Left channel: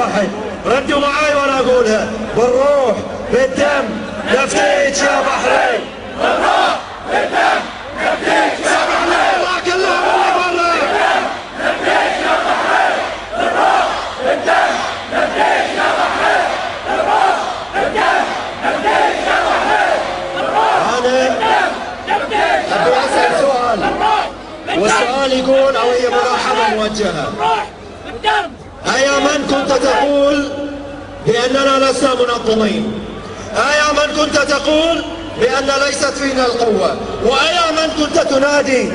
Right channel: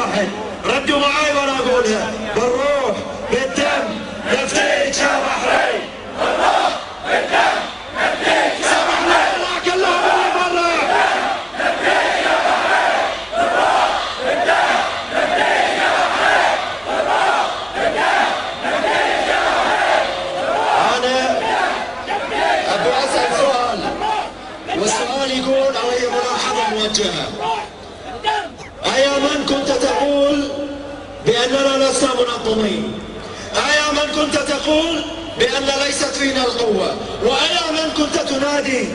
واحد، ردوا معاي وانا اقولها: بالروح بالدم نفديك يا بحرين، بالروح بالدم نفديك يا بحرين. الله كلهم اللي برا. نفديك يا بحرين، بالروح بالدم نفديك يا بحرين، بالروح بالدم نفديك يا بحرين. انا ابي اسال سؤال، والسؤال يقول او هي ملاحظه موجهه: أيا من كنت تقول بأننا لسنا منظمين، أيا من كنت تقول بأن ليست فينا القوة، وأيا من كنت تنادي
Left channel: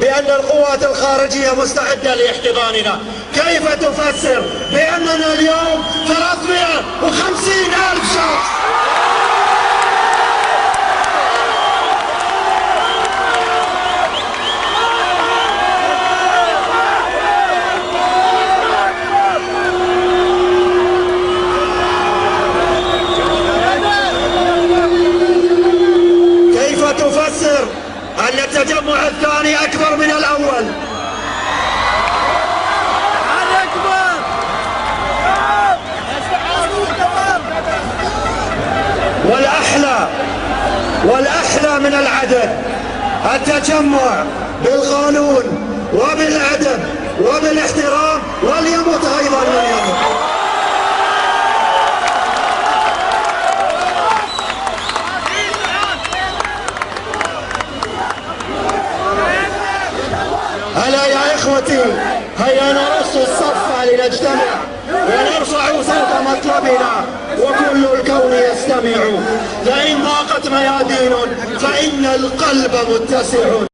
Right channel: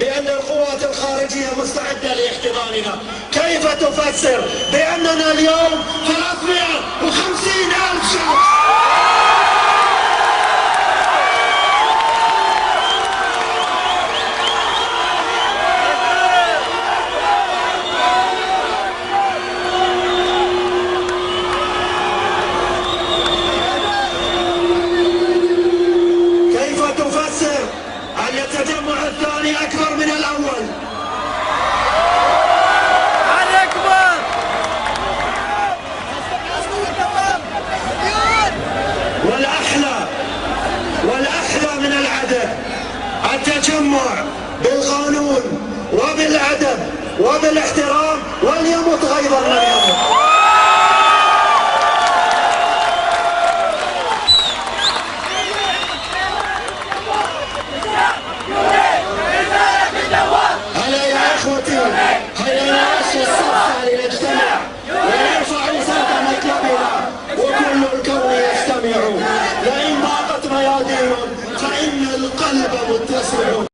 بأن القوات الخارجية مستعدة لاحتضاننا، كيف تفسر بأننا اليوم 350,000 شخص؟ أن التجمع الثاني أكبر من الأول؟ أكبر. والأحلى من العدد التجمع بالقانون وبالأدب وبالاحترام، وليمت أيضا من يمت. هلا يا إخوتي، هيا نرص الصفحة لنجتمع ونرفع صوت مطلبنا وكل الكون يستمع. لئن ضاقت ميادين فإن القلب متسع.